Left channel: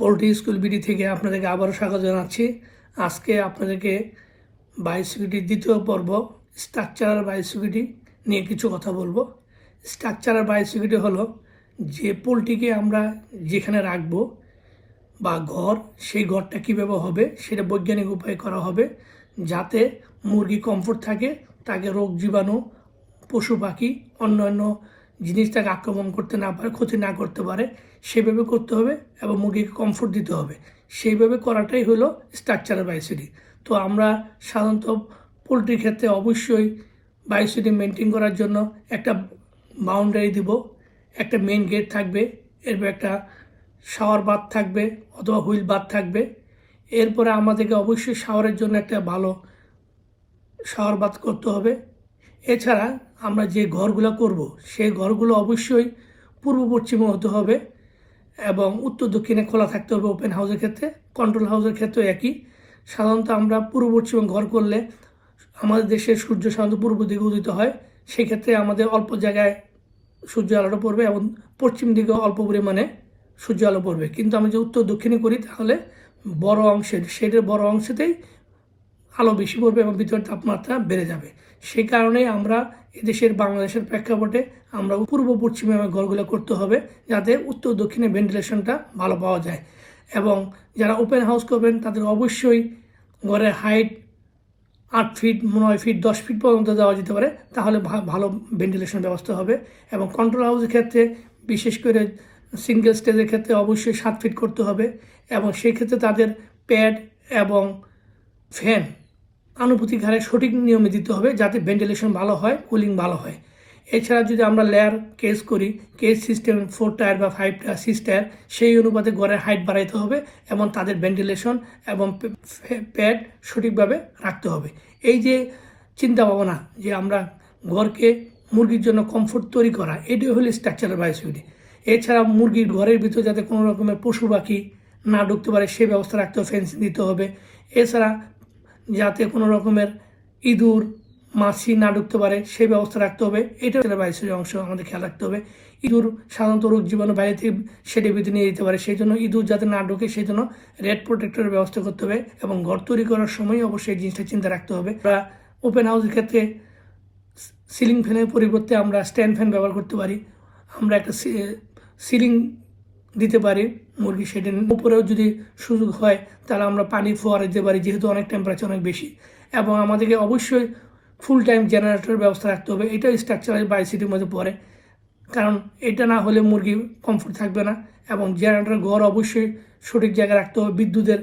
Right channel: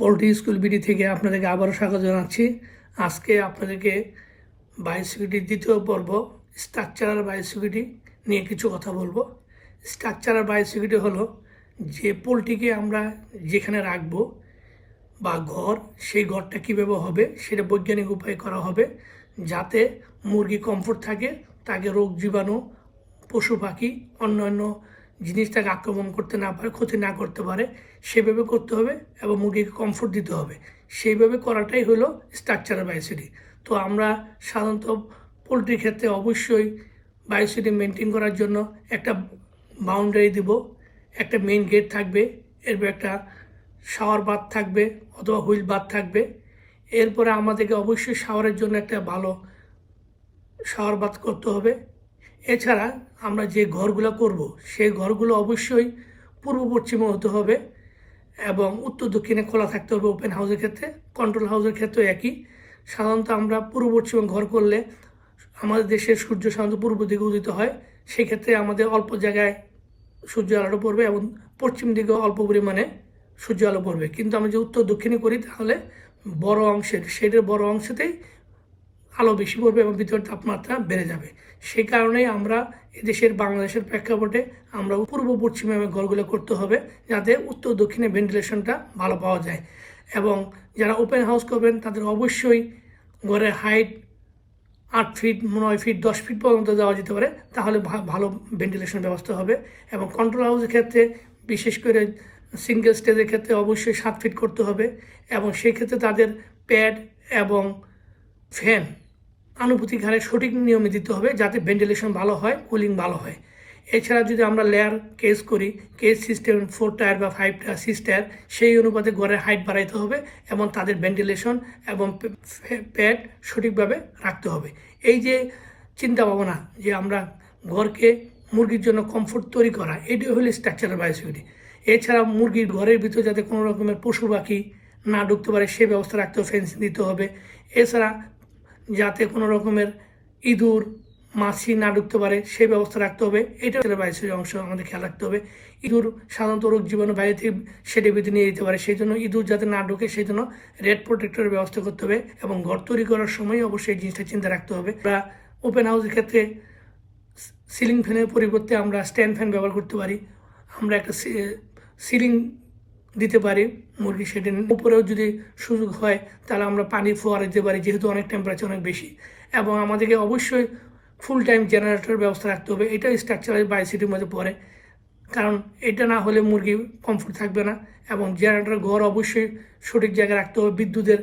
Poultry school BD থেকে আপনাদেরকে আবারও স্বাগত জানাচ্ছি। আজকে আপনাদেরকে বায়োসিকিউরিটির দ্বিতীয় পর্ব স্ট্রাকচারাল বায়োসিকিউরিটি নিয়ে কিছু কথা বলবো। স্ট্রাকচারাল বায়োসিকিউরিটি হলো যে পোল্ট্রিকে আমরা যেখানে রাখবো বা ঘর, সেই ঘরটা কীভাবে হবে সেটা বৈজ্ঞানিক উপায়ে করা হবে, যাতে মুরগি কমফোর্ট থাকে, তাকে রোগ জীবাণু, পশু পাখি, অন্যান্য জিনিস তাকে আক্রমণ করতে না পারে, ক্ষতি না করতে পারে, সেভাবে করতে হবে এবং মুরগিকে কমফোর্ট দিতে হবে। সেইভাবে করাটাই হলো স্ট্রাকচারাল বায়োসিকিউরিটি। তো আমরা সাধারণত পোলট্রির ক্ষেত্রে অবশ্যই বায়োসিকিউরিটি মেনটেন করার জন্য একটা বাউন্ডারি দিব, একটা মেইন গেট থাকবে, এরপর একটা শাওয়ার বাথ থাকবে অথবা হুইল বাথ থাকবে। এরপরে আমাদেরকে অবশ্যই শাওয়ারের জন্য একটা ভালো শাওয়ার বাথ করতে হবে। এছাড়া আমরা যে ঘরগুলো করব সেই ঘরগুলো অবশ্যই পূর্ব পশ্চিমে হতে হবে এবং উত্তর দক্ষিণে খোলা থাকতে হবে। ওপেন হাউসের ক্ষেত্রে, কন্ট্রোল হাউসের ক্ষেত্রে একই। সাধারণত আমরা পূর্ব পশ্চিমে ঘর করলে আমাদের দেশের সূর্য সাধারণত পূর্ব দিকে উদিত হয়, সেই ক্ষেত্রে আমাদের অল্প জায়গায় সূর্য আলোটা পড়বে এবং পশ্চিম দিকে অল্প পরিমাণে সূর্য আলো পড়বে। কিন্তু আমি যে উত্তর দক্ষিণে করি তাহলে বড় অংশের শেডের বড় অংশতেই আলো বেশি পড়বে এবং ভিতরের তাপমাত্রা বেড়ে যাবে। সেই কারণেই আমরা এদেশের বাংলাদেশের প্রেক্ষাপটে আমরা পূর্ব পশ্চিমে ঘরগুলো করতে হবে, যাতে উত্তর দক্ষিণে ভেন্টিলেশনটা ভালো পাওয়া যায়। এবং যারা ওপেন হাউস করবেন তাদের অবশ্যই ঘরের হাইট 8 ফিট, 9 ফিট, 10 ফিট পর্যন্ত দেওয়া যেতে পারে, তাহলে ভালো ভেন্টিলেশন ব্যবস্থা হবে। এবং কন্ট্রোল হাউসের ক্ষেত্রে, বিশেষ করে সিঙ্গেল স্টেজের ক্ষেত্রে অবশ্যই 7 ফিট করতে হবে এবং সেই ক্ষেত্রে তাদের প্যাড এবং ফ্যান আনুপাতিক হারে সঠিক নিয়মে দিতে হবে, যাতে ভেন্টিলেশন ভালো হয়, কুলিং ভালো হয়। এছাড়া যদি আমরা লেয়ার কেস করি, কেস সিস্টেম 4 টায়ার বা 5 টায়ার, 6 টায়ার, সেই অনুপাতে ঘরের হাইট বাড়াইতে হবে এবং তাদের ভেন্টিলেশন এবং প্যাড সঠিকভাবে রাখতে হবে। এই যে চিন্তা ভাবনা যে আমরা ঘরকে মুরগির জন্য কমফোর্ট তৈরি করা, এটাই হলো স্ট্রাকচারাল বায়োসিকিউরিটি। এছাড়া মুরগির ঘরের ভিতরে যাতে কোনো রকমের পশু পাখি না ঢুকতে পারে সেই ব্যবস্থা রাখতে হবে, ফেন্সিং দিতে হবে। এছাড়া যাতে কোনো রকমের ইঁদুর, মাছি না ঢুকতে পারে সেই ব্যবস্থা রাখতে হবে। এটা বায়োসিকিউরিটির অংশ, আমাদের খেয়াল রাখতে হবে। ইঁদুর সাধারণত রোগ জীবাণু বাইরে থেকে সেটা ভিতরে নিয়ে যেতে পারে, সেই জন্য ইঁদুর যাতে না ঢুকে সেই জন্য রেড প্রোটেক্টরের ব্যবস্থা করতে হবে এবং ঘর তৈরি করার সময় অবশ্যই এই জিনিসটা চিন্তা রাখতে হবে। আমরা ওপেন হাউসের ক্ষেত্রে সিলিং ফ্যানের পরিবর্তে আমরা স্ট্যান্ড ফ্যান ব্যবহার করতে পারি। আমরা একটা সিলিং দিতে পারি মুরগি শেডের উপরেও যদি সুযোগ হয় তাহলে আমরা পানি ফোয়ারা দিতে পারি, যেহেতু অনেক টেম্পারেচার অনেক বেশি। এবং আমাদেরকে অবশ্যই ফুল টাইম জেনারেটরের ব্যবস্থা রাখতে হবে। এটাও স্ট্রাকচারাল বায়োসিকিউরিটির মধ্যে পড়ে, কারণ এটা না হলে মুরগি কমফোর্ট থাকবে না। এবং জেনারেটর ঘর অবশ্যই সঠিক জায়গায় রাখতে হবে, বিদ্যুতের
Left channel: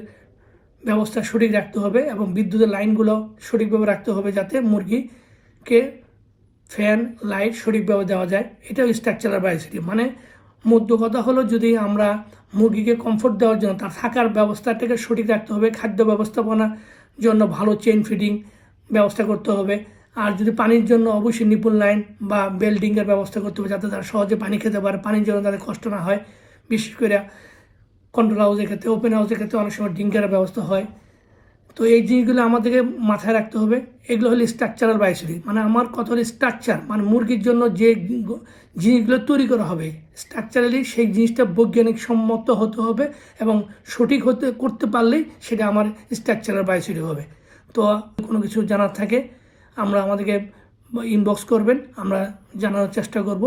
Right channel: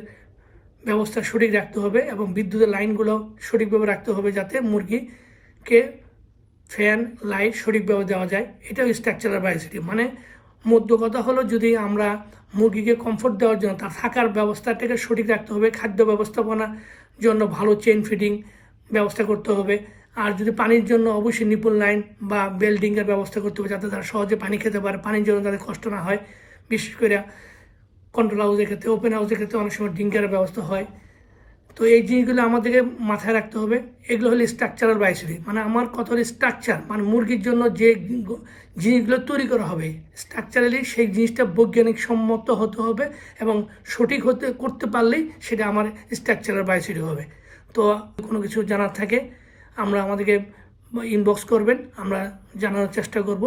ব্যবস্থা সঠিক রাখতে হবে এবং বিদ্যুতের লাইনগুলো সঠিকভাবে রাখতে হবে, যাতে মুরগিকে ফ্যান লাইট সঠিকভাবে দেওয়া যায়। এটাও স্ট্রাকচারাল বায়োসিকিউরিটি। মানে মধ্য কথা হলো, যদি আমরা মুরগিকে কমফোর্ট দেওয়ার জন্য তার থাকার ব্যবস্থাটাকে সঠিক রাখতে হবে, খাদ্য ব্যবস্থাপনার জন্য ভালো চেইন ফিডিং ব্যবস্থা করতে হবে। আর যদি পানির জন্য অবশ্যই নিপুল লাইন বা বেল্ডিংয়ের ব্যবস্থা করতে হবে, যাতে তারা সহজে পানি খেতে পারে, পানির জন্য তাদের কষ্ট না হয়। বিশেষ করে কন্ট্রোল হাউসের ক্ষেত্রে, ওপেন হাউসের ক্ষেত্রে অনেক সময় ড্রিঙ্কারের ব্যবস্থা হয়। তো এই জিনিসগুলো আমাদেরকে মাথায় রাখতে হবে। এগুলো হলো স্ট্রাকচারাল বায়োসিকিউরিটি। মানে আমার কথা হলো স্ট্রাকচার, মানে মুরগির জন্য যে জিনিসগুলো তৈরি করা হবে স্ট্রাকচারালি, সেই জিনিসটা বৈজ্ঞানিক সম্মত হতে হবে এবং সঠিক করতে পারলেই সেটা আমার স্ট্রাকচারাল বায়োসিকিউরিটি হবে। তো কোনো কিছু জানার থাকে আমাদেরকে ইনবক্স করবেন, আমরা জানানোর চেষ্টা করব।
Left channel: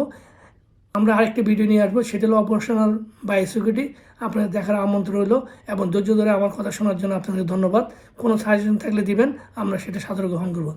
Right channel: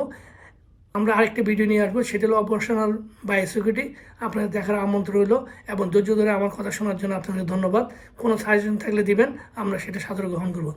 আমরা আরেকটা ভিডিও নিয়ে আসবো, সেটা হলো অপারেশনাল বায়োসিকিউরিটি। আপনাদের দেখার আমন্ত্রণ রইল এবং ধৈর্য ধরে আমার কথা শোনার জন্য আপনাদের ধন্যবাদ। কোনো সাজেশন থাকলে দিবেন, আমরা সেটা সাদরে গ্রহণ করব।